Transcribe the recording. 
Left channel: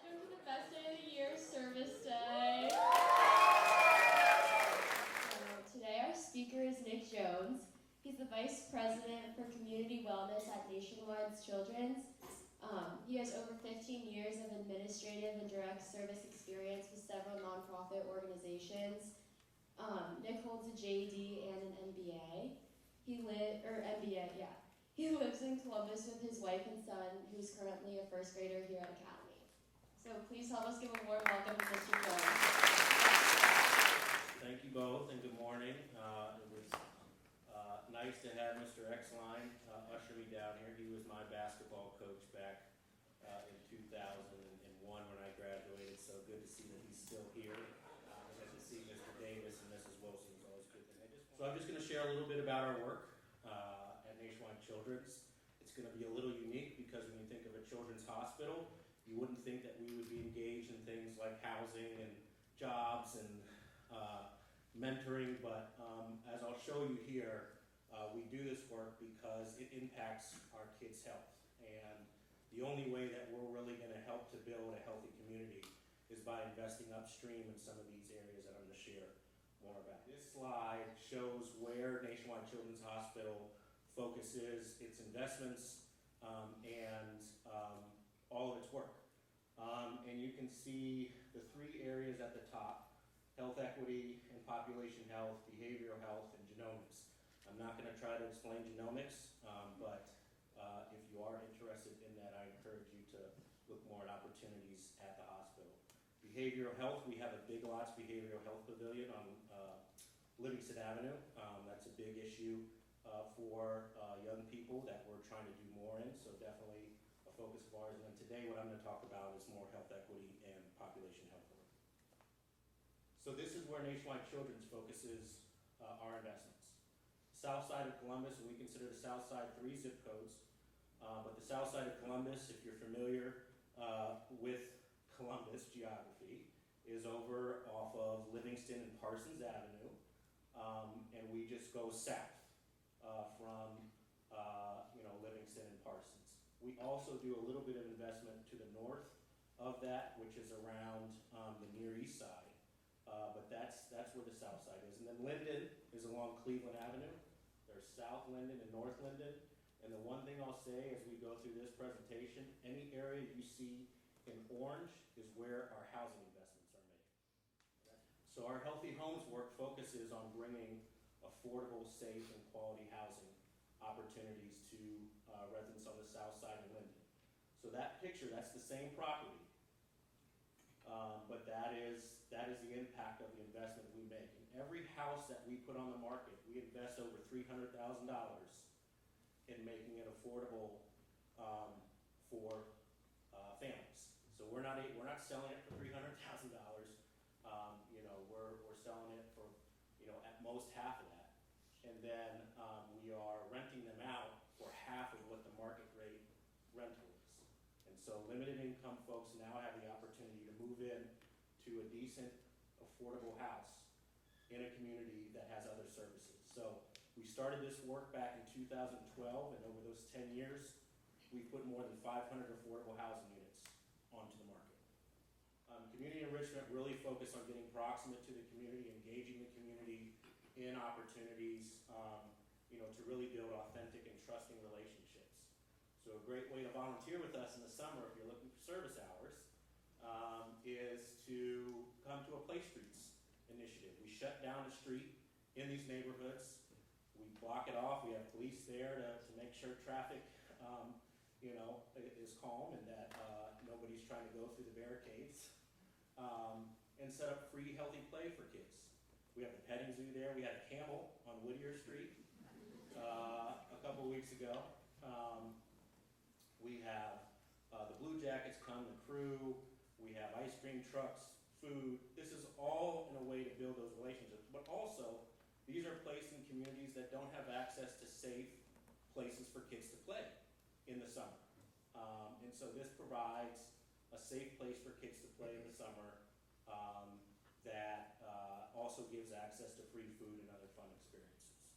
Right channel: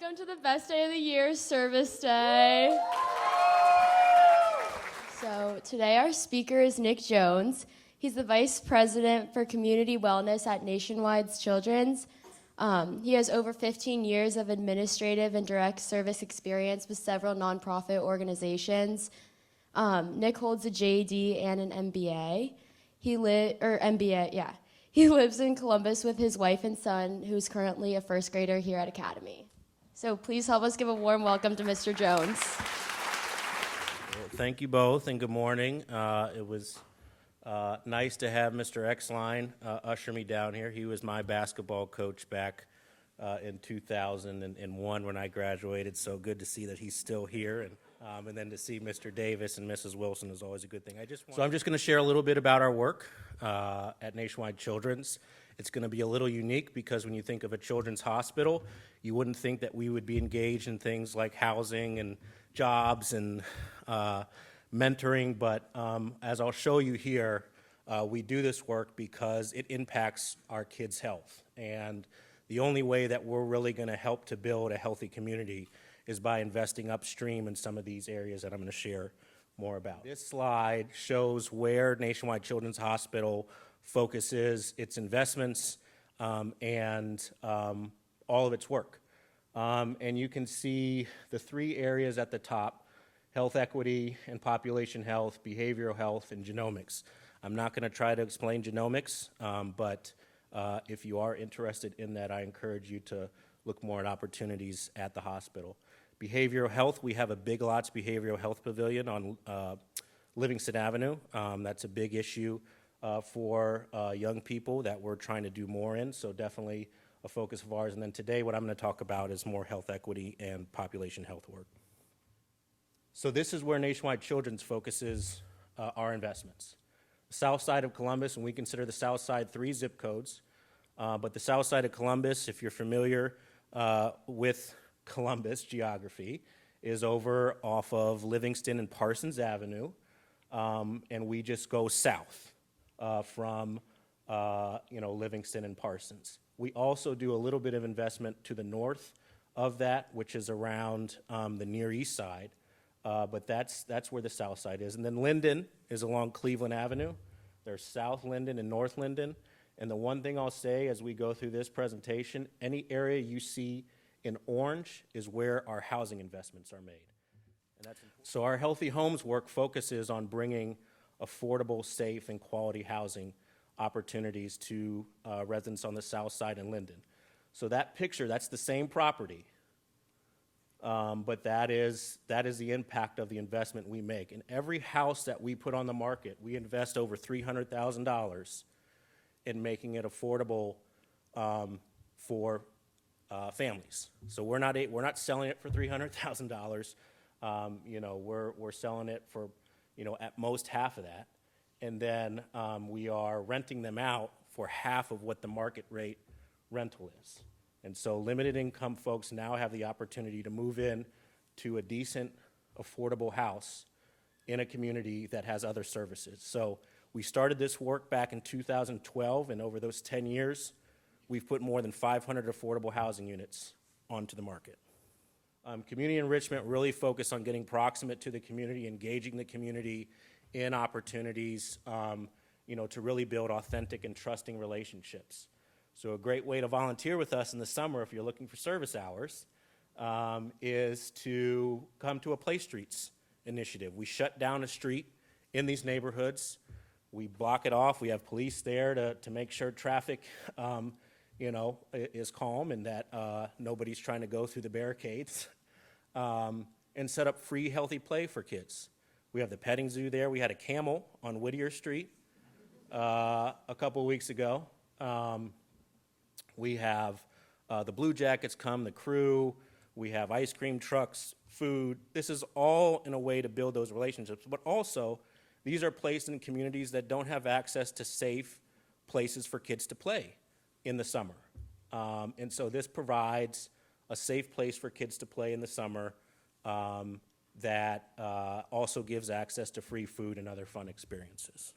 Welcome to the best day of the year, Service Day. So today our speaker is Nick Jones. He's the Vice President for Community Wellness at Nationwide's Children's. He has over 15 years of administrative and direct service experience with several nonprofit organizations. Nick holds a JD and an MBA. He lives in Columbus with his wife and son, who's currently a first grader here at Academy. So please help us give a warm welcome to Mr. Jones. Well, thank you both, and good morning. It was nice to have Mr. Exline usher me down here. He was my basketball coach back in 2001 when I graduated, so good to see that he's still here. And then to see Mr. Davis and Mrs. Wilson is always a good thing. So I'm just going to share a little bit about our work at Nationwide Children's. It's going to be a little unique because when you think of a children's hospital, you wouldn't think that we would be engaged in things like housing and jobs and mentoring, but as I'll show you here, we do this work because it impacts our kids' health. And the only way that we're really going to help to build a healthy community is by investing upstream in some of these areas that I'm going to share more about. This slide shows where Nationwide Children's Hospital focuses its investments and all of its work. And you can see the three areas at the top: health equity and population health, behavioral health, and genomics. I'm not going to try to explain genomics, but if you are interested in that, I encourage you to look more at opportunities at the hospital. Behavioral health, we have a Big Lots Behavioral Health Pavilion on Livingston Avenue. That's a big issue for young people that we're trying to do more in, so definitely a focus of ours. And then today what I'm going to talk about is more health equity and population health work. So this is where Nationwide Children's focuses our investments. South side of Columbus, and we consider the south side 3 zip codes, but the south side of Columbus, if you're familiar with Columbus geography, is over off of Livingston and Parsons Avenue, and we just go south from Livingston and Parsons. We also do a little bit of investment to the north of that, which is around the Near East side, but that's where the south side is. And then Linden is along Cleveland Avenue. There's South Linden and North Linden. And the one thing I'll say as we go through this presentation, any area you see in orange is where our housing investments are made. And that's important. So our Healthy Homes work focuses on bringing affordable, safe, and quality housing opportunities to residents on the south side in Linden. So that picture, that's the same property, but that is the impact of the investment we make. In every house that we put on the market, we invest over $300,000 in making it affordable for families. So we're not selling it for $300,000. We're selling it for at most half of that, and then we are renting them out for half of what the market rate rental is. And so limited income folks now have the opportunity to move in to a decent, affordable house in a community that has other services. So we started this work back in 2012, and over those 10 years, we've put more than 500 affordable housing units onto the market. Community enrichment really focused on getting proximate to the community, engaging the community in opportunities, to really build authentic and trusting relationships. So a great way to volunteer with us in the summer, if you're looking for service hours, is to come to a Play Streets initiative. We shut down a street in these neighborhoods. We block it off. We have police there to make sure traffic is calm and that nobody's trying to go through the barricades, and set up free healthy play for kids. We have the petting zoo there. We had a camel on Whittier Street a couple of weeks ago. We have the Blue Jackets come, the crew. We have ice cream trucks, food. This is all in a way to build those relationships, but also these are placed in communities that don't have access to safe places for kids to play in the summer. And so this provides a safe place for kids to play in the summer that also gives access to free food and other fun experiences.